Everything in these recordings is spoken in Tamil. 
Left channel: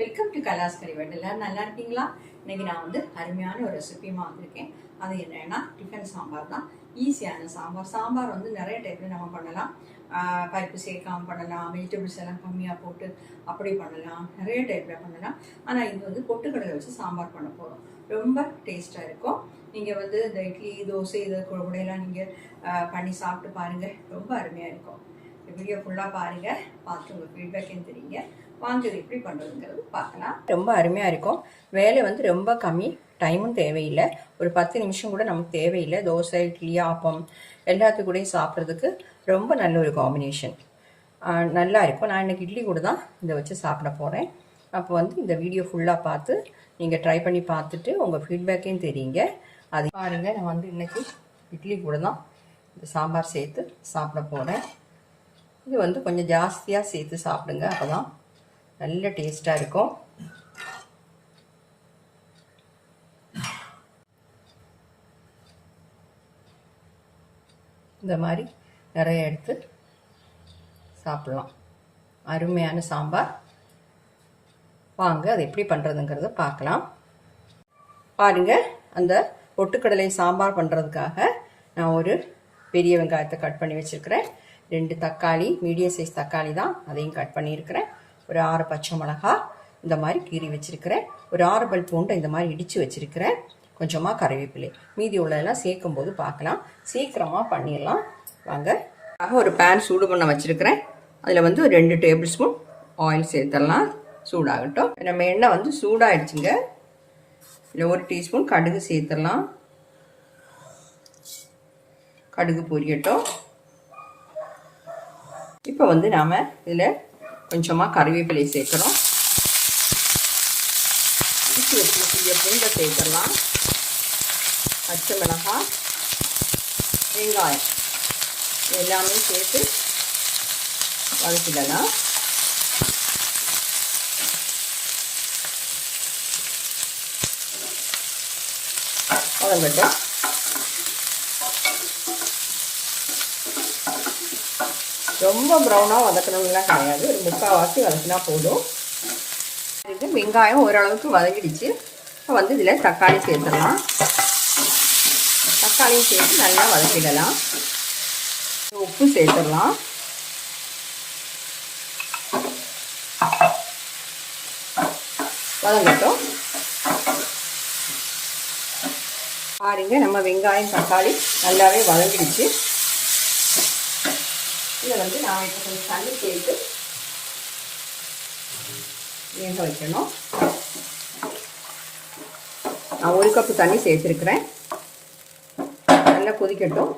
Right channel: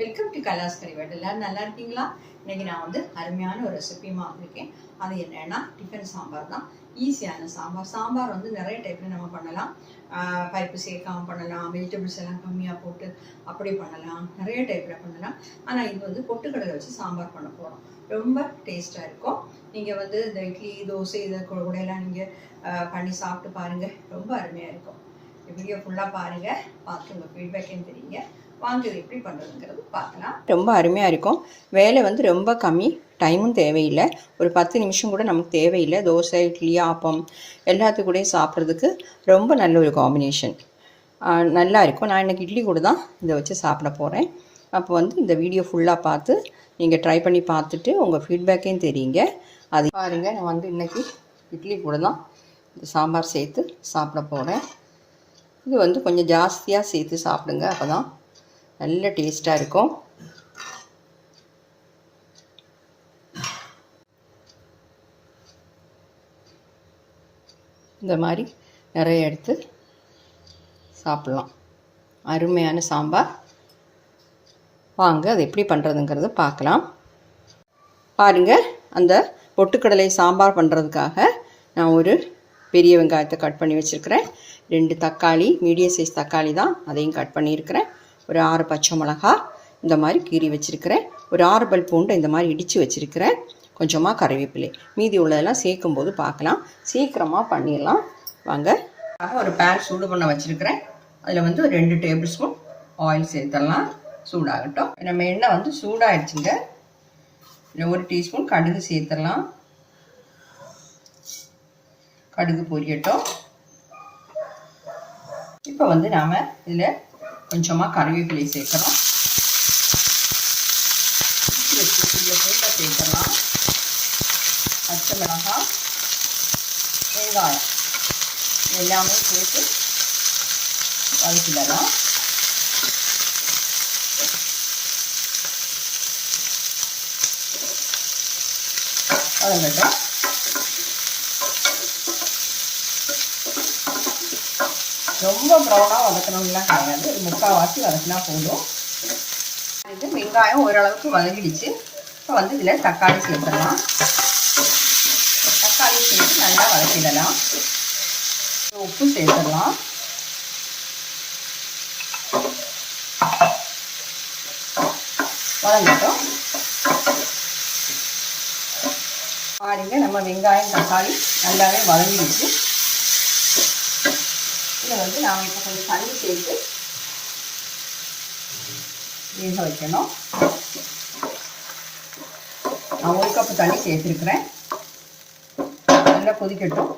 Welcome to கலாஸ் கறிவேட். எல்லாரும் நல்லா இருக்கீங்களா? இன்னைக்கு நான் வந்து அருமையான ஒரு ரெசிபியுமா வந்திருக்கேன். அது என்னன்னா டிஃபன் சாம்பார் தான். ஈஸியான சாம்பார் வந்து நிறைய டைப்பில் நம்ம பண்ணலாம். பருப்பு சேர்க்காம பண்ணலாம், வெஜிடபிள்ஸ் எல்லாம் கம்மியாக போட்டு அப்படி பண்ணலாம், நிறைய டைப்பில் பண்ணலாம். ஆனால் இது வந்து பொட்டுக்கடலை வச்சு சாம்பார் பண்ண போகிறோம். ரொம்ப டேஸ்ட்டாக இருக்கும். நீங்கள் வந்து இந்த இட்லி தோசை இதை கூட எல்லாம் நீங்கள் பண்ணி சாப்பிட்டு பாருங்கள், ரொம்ப அருமையாக இருக்கும். வீடியோ ஃபுல்லாக பாருங்கள், பார்த்து உங்கள் ஃபீட்பேக்குன்னு தெரியுங்க. வாங்க இது எப்படி பண்ணுறதுங்கிறது பார்க்கலாம். ரொம்ப அருமையாக இருக்கும். வேலை வந்து ரொம்ப கம்மி, டைமும் தேவையில்லை. ஒரு 10 நிமிஷம் கூட நமக்கு தேவையில்லை. தோசை, இட்லி, ஆப்பம் எல்லாத்துக்கூடையும் சாப்பிட்றதுக்கு ரொம்ப நல்ல ஒரு காம்பினேஷன், நல்லா இருக்கும். நான் இன்றைக்கி இட்லி கூட தான் இதை வச்சு சாப்பிட போகிறேன். அப்போ வந்து இந்த வீடியோ ஃபுல்லாக பார்த்து நீங்கள் ட்ரை பண்ணி பார்த்துட்டு உங்கள் ஃபீட்பேக்கையும் தெரியுங்க. அது பாருங்கள், நான் வந்து இன்றைக்கி இட்லி கூட தான் இந்த சாம்பார் சேர்த்து சாப்பிட போகிறேன். இது வந்து கொஞ்சம் ஜாஸ்தியாக சேர்த்து சாப்பிடுங்க, அப்போ தான் நல்ல டேஸ்ட்டாக இருக்கும். இந்த மாதிரி நிறைய எடுத்து சாப்பிட்லாம். அருமையான சாம்பார். வாங்க அது எப்படி பண்ணுறதுங்கிறத பார்க்கலாம். பாருங்கள், அந்த பொட்டுக்கடலை சாம்பார் பண்ணுறதுக்காக நான் ஒரு பெரிய வெங்காயத்தை கட் பண்ணி வச்சுருக்கிறேன். 2 தக்காளி, மீடியம் சைஸ் தக்காளி தான், அதையும் கட் பண்ணியிருக்கிறேன். ஒரு 6 பச்சை மிளகா இந்த மாதிரி கீறி வச்சுருக்கிறேன். ஒரு 6 பல் பூண்டை இந்த மாதிரி இடித்து வச்சுருக்கிறேன். கொஞ்சமாக கறிவேப்பிலை. மீதி உள்ளதெல்லாம் சேர்க்கும்போது பார்க்கலாம். சீக்கிரமாக பண்ணிடலாம் வாங்க. ஒரு பேன் சூடு பண்ண வச்சுருக்கிறேன். அதில் வந்து ஒரு 2 டேபிள் ஸ்பூன் ஆயில் சேர்த்துடலாம். சூடாகட்டும். நம்ம எண்ணெய் வந்து சூடாகிடுச்சுங்க. இதில் 1 டீஸ்பூன் கடுகு சேர்த்துடலாம். கடுகு பொரியட்டும். இப்போ வந்து நாம் இதில் கொஞ்சமாக கறிவேப்பிலை சேர்க்குறோம். இடித்து வச்சுக்கூடிய பூண்டை சேர்த்துடலாம். பச்சை மிளகாய், வெங்காயம் எல்லாமே சேர்த்து வதக்கிடலாம். வதங்கட்டும். ரொம்ப ப்ரௌனாக வதக்கணும்லாம் கிடையாது, முக்கால்வாசி வதக்கினா போதும். இது வெங்காயம் ஓரளவுக்கு வதங்கிடுச்சு. இப்போ வந்து இதில் தக்காளி சேர்த்துடலாம். தக்காளியும் சேர்த்து நல்லா வதக்கிடலாம். உப்பு சேர்த்துடலாம். வதங்கட்டும். பாருங்க, நம்ம வெங்காயம் தக்காளி நல்லாவே வதங்கிடுச்சு. இதில் வந்து நாம் இப்போ கொஞ்சம் தண்ணி சேர்த்து வேக வைக்கணும். நான் 1 கப்பு தண்ணி சேர்த்துருக்குறேன். நல்லா கொதிக்கட்டும்.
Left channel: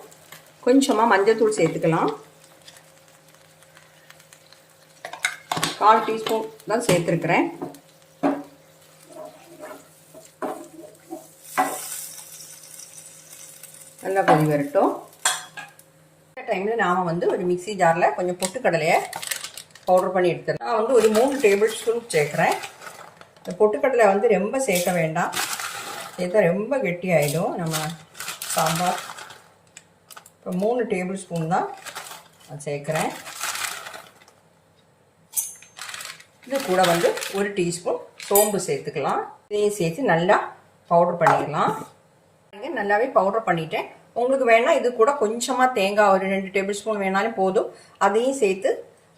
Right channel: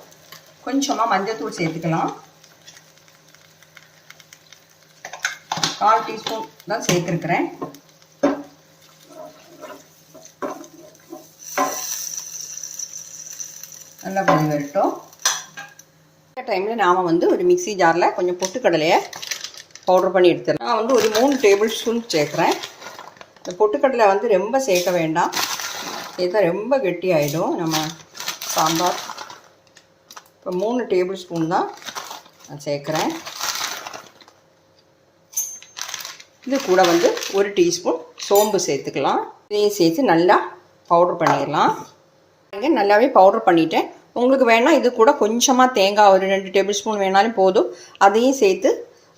கொஞ்சமாக மஞ்சள்தூள் சேர்த்துக்கலாம். 1/4 டீஸ்பூன் தான் சேர்த்துருக்குறேன். நல்லா கொதி வரட்டும். டைமில் நாம் வந்து ஒரு மிக்ஸி ஜாரில் கொஞ்சம் பொட்டுக்கடலையை பவுடர் பண்ணி எடுத்துடலாம். நான் வந்து ஒரு 3 டேபிள் ஸ்பூன் சேர்க்குறேன். இந்த பொட்டுக்கடலை வந்து ரொம்ப சேர்க்க வேண்டாம், சேர்த்தா ரொம்ப கெட்டியாயிடும் நம்ம சாம்பார். இப்போ 3 டேபிள் ஸ்பூன் தான் நான் சேர்க்குறேன். இது கூட வந்து 1 டீஸ்பூன் சோம்பு சேர்த்துக்கலாம். இதையும் சேர்த்து நல்லா பவுடர் பண்ணிடலாம். நல்லாவே பவுடர் பண்ணிட்டேன். உங்களுக்கு வேணால் இது கூட கொஞ்சமாக தேங்காய் ஒரு 2 டேபிள் ஸ்பூன் வேணாலும் போதும், அதையும் சேர்த்து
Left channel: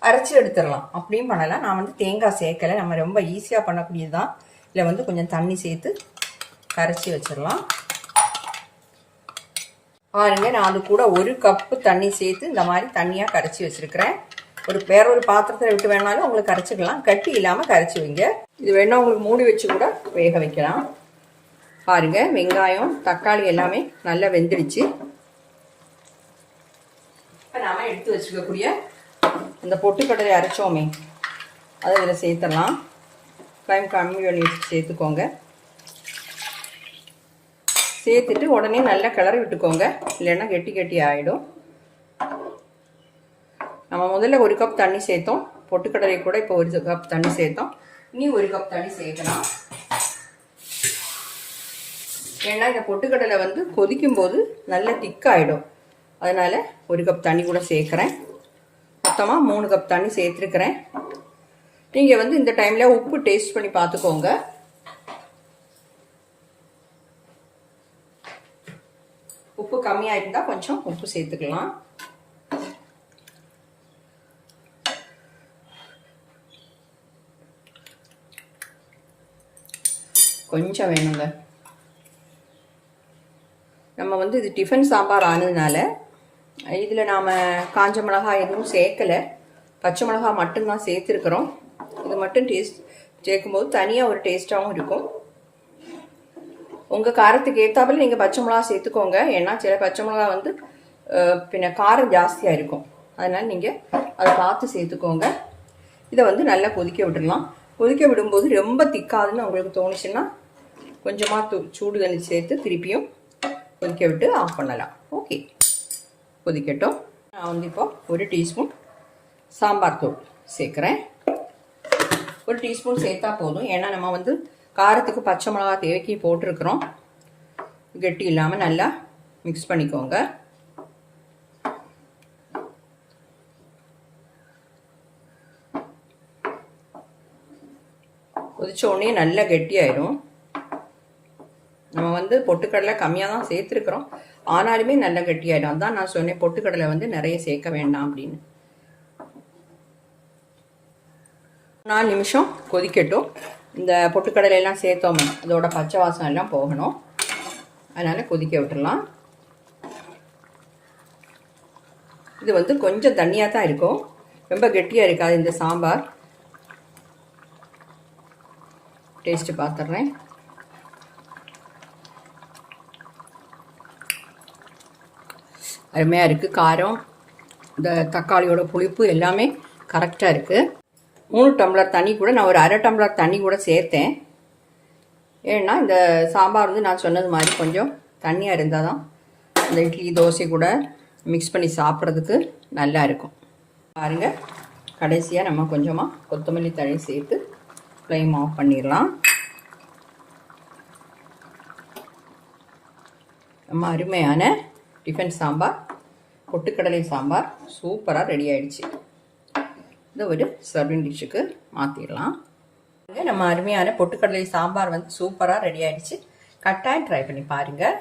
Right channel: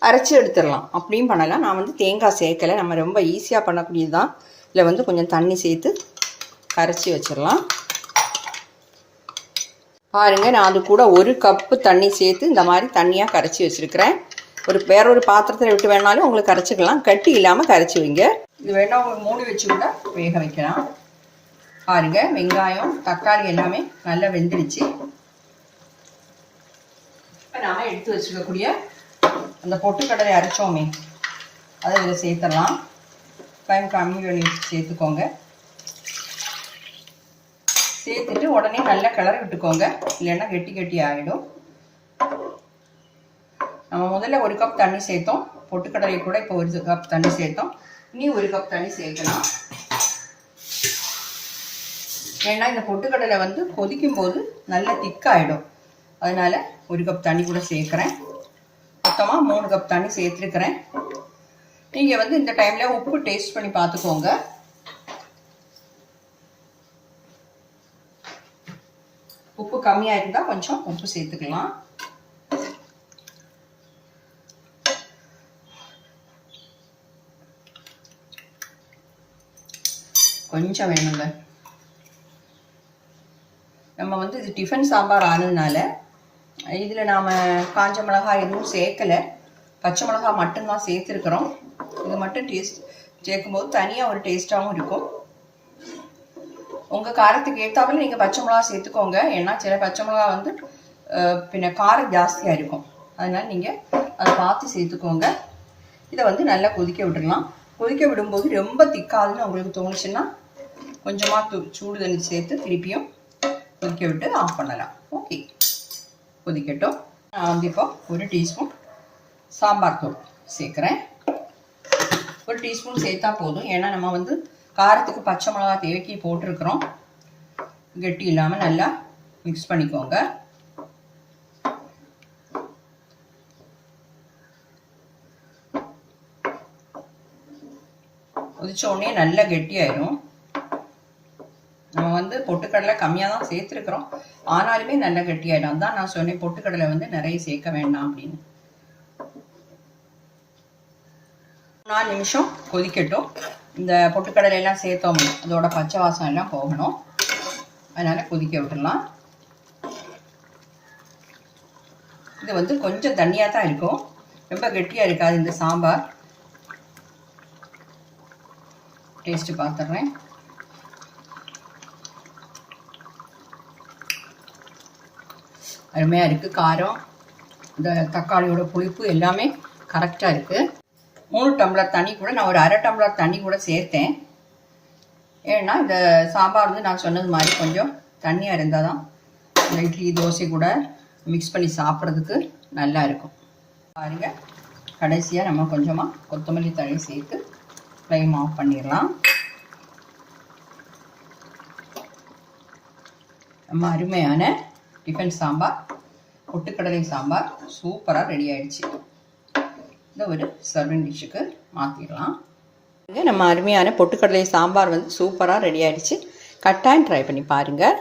அரைச்சி எடுத்துடலாம். அப்படியும் பண்ணலாம். நான் வந்து தேங்காய் சேர்க்கலை, நம்ம ரொம்ப ஈஸியாக பண்ணக்கூடியது தான். இதில் வந்து கொஞ்சம் தண்ணி சேர்த்து கரைச்சி வச்சிடலாம். பாருங்கள், நான் அது கூட 1 கப்பு தண்ணி சேர்த்து இந்த மாதிரி தண்ணியாக கரைச்சி வச்சுருக்கிறேன். வேற ஒரு பாத்திரத்தில் விட்டு வேணாலும் உங்களுக்கு கரைச்சிக்கலாம். கட்டி இல்லாமல் கரைச்சி வைங்க. இது வேணால் உங்களுக்கு மூடி வச்சு கூட வேக வைக்கலாம். பாருங்கள், வெங்காயம் தக்காளி எல்லாமே நல்லா வெந்துடுச்சு. இப்போ நாம் எடுத்து வச்சுக்கக்கூடிய இந்த பொட்டுக்கடலை அரைச்சோமே அதை இதில் சேர்த்துடலாம். டைம் கம்மி பண்ணி சேர்த்துக்கோங்க. சேர்த்துட்டு உடனே நல்லா கிளறி விட்டுக்கோங்க, இல்லைன்னா கெட்டி கெட்டி ஆகிடும். நம்ம முதல்ல 1 கப் தண்ணி சேர்த்தோம். பொட்டுக்கடலை கூட இப்போ 1 கப் தண்ணி சேர்த்தோம். இனி 1 கப் தண்ணி சேர்க்கலாம். ஏன்னா இந்த பொட்டுக்கடலை வந்து கொதிக்கும் போது நல்லா திக்காயிடும். அதனால் 1 கப் தண்ணி கூட சேர்க்குறேன். மொத்தமாக 3 கப் தண்ணி சேர்த்துருக்கிறேன். நீங்கள் வந்து இந்த டைமில் உப்பு டேஸ்ட் பண்ணி பார்த்துக்கோங்க. உப்பு கம்மியாக இருந்தால் கொஞ்சம் உப்பு சேர்த்துக்கலாம். கொஞ்சம் வேணுங்க. நம்ம வந்து இது டிஃபன் சாம்பார் ஆனதுனால இதில் நாம் காஞ்ச மிளகாய் எதுவும் சேர்க்கலை, பச்சை மிளகாய் மட்டும்தான் சேர்த்துருக்குறோம். இது மட்டும் டேஸ்ட் சேர்க்கும்போது தனியாக ஒரு டேஸ்ட்டாகவும் இருக்கும். உங்கள் காரத்துக்கு ஏற்றாப்புல நீங்கள் பச்சை மிளகா சேர்த்துக்கோங்க. ஏன்னா சில பச்சை மிளகா வந்து பின்ன காரம் ஜாஸ்தியாக இருக்கும். அதனால் நீங்கள் அதை பார்த்து சேர்த்துக்கோங்க. இதை வந்து நல்லா கொதிக்க விட்டுடலாம். கொதிக்க விடும்போது ரொம்ப திக்காதுன்னு உங்களுக்கு தோணுச்சுன்னா கொஞ்சமாக சூடு தண்ணி சேர்த்து திருப்பியும் கொதிக்க விட்டு ஆஃப் பண்ணலாம். ஓகே, கொதிக்கட்டும். நான் வந்து இப்போ 1 டீஸ்பூன் சாம்பார் தூள் சேர்க்குறேன். 1 டீஸ்பூன் சேர்த்தா போதும். ஏன்னா நம்ம வந்து காரத்துக்கு பச்சை மிளகா தேவைக்கு போட்டிருக்கிறோம். கெட்டி இல்லாமல் நல்லா மிக்ஸ் பண்ணிக்கோங்க. கொதிச்ச உடனே நல்லா கெட்டியாயிடும். நம்ம வந்து பொட்டுக்கடலை கம்மியாக தான் சேர்த்துருக்குறோம், ஆனாலுமே நல்லா கெட்டியாயிடும். அதான் நான் சொன்னேன் பொட்டுக்கடலை வந்து நிறைய சேர்க்க வேண்டாம் அப்படின்னு. 4 நிமிஷம் கொதிக்கட்டும். இந்த பொட்டுக்கடலையெல்லாம் சேர்த்தோம்னா அதோட பச்சை வாசம் எல்லாம் போகணும். அதனால் கொதிக்க விட்டுடலாம். இது வந்து கொஞ்சம் தண்ணியாக தான் இருக்கும், ரொம்ப கெட்டியாக இருக்காது இந்த சாம்பார். டேஸ்ட்டு பார்த்துட்றேன். அருமையாக இருக்குது. காரம், இந்த தக்காளியோட புளிப்பு எல்லாமே கரெக்டாக இருக்குது. 3 டம்ளர் தண்ணி கூட நான் ஒரு 1/2 டம்ளர் தண்ணி கூட சேர்த்தேன். ஏன்னா இந்த சாம்பார் வந்து நான் சொன்னது மாதிரி கொஞ்சம் தண்ணியாக இருந்தால் தான் இந்த இட்லி தோசை கூட மிக்ஸ் பண்ணி சாப்பிட்றதுக்கு நல்லா இருக்கும். பாருங்கள், கடைசியாக நம்ம கொஞ்சமாக கொத்தமல்லி தழை சேர்த்து ஃப்ளேம் ஆஃப் பண்ணிடலாம். நம்ம அருமையான டிஃபன் சாம்பார், பொட்டுக்கடலை சாம்பார் சூப்பராக ரெடி ஆகிடுச்சு. இதை ஒரு சர்விங் டிஷ்ஷுக்கு மாற்றிடலாம். நம்ம அருமையான பொட்டுக்கடலை சாம்பார் வந்து சூப்பராக ரெடி ஆகிடுச்சு. கட்டாயம் ட்ரை பண்ணி பாருங்கள்.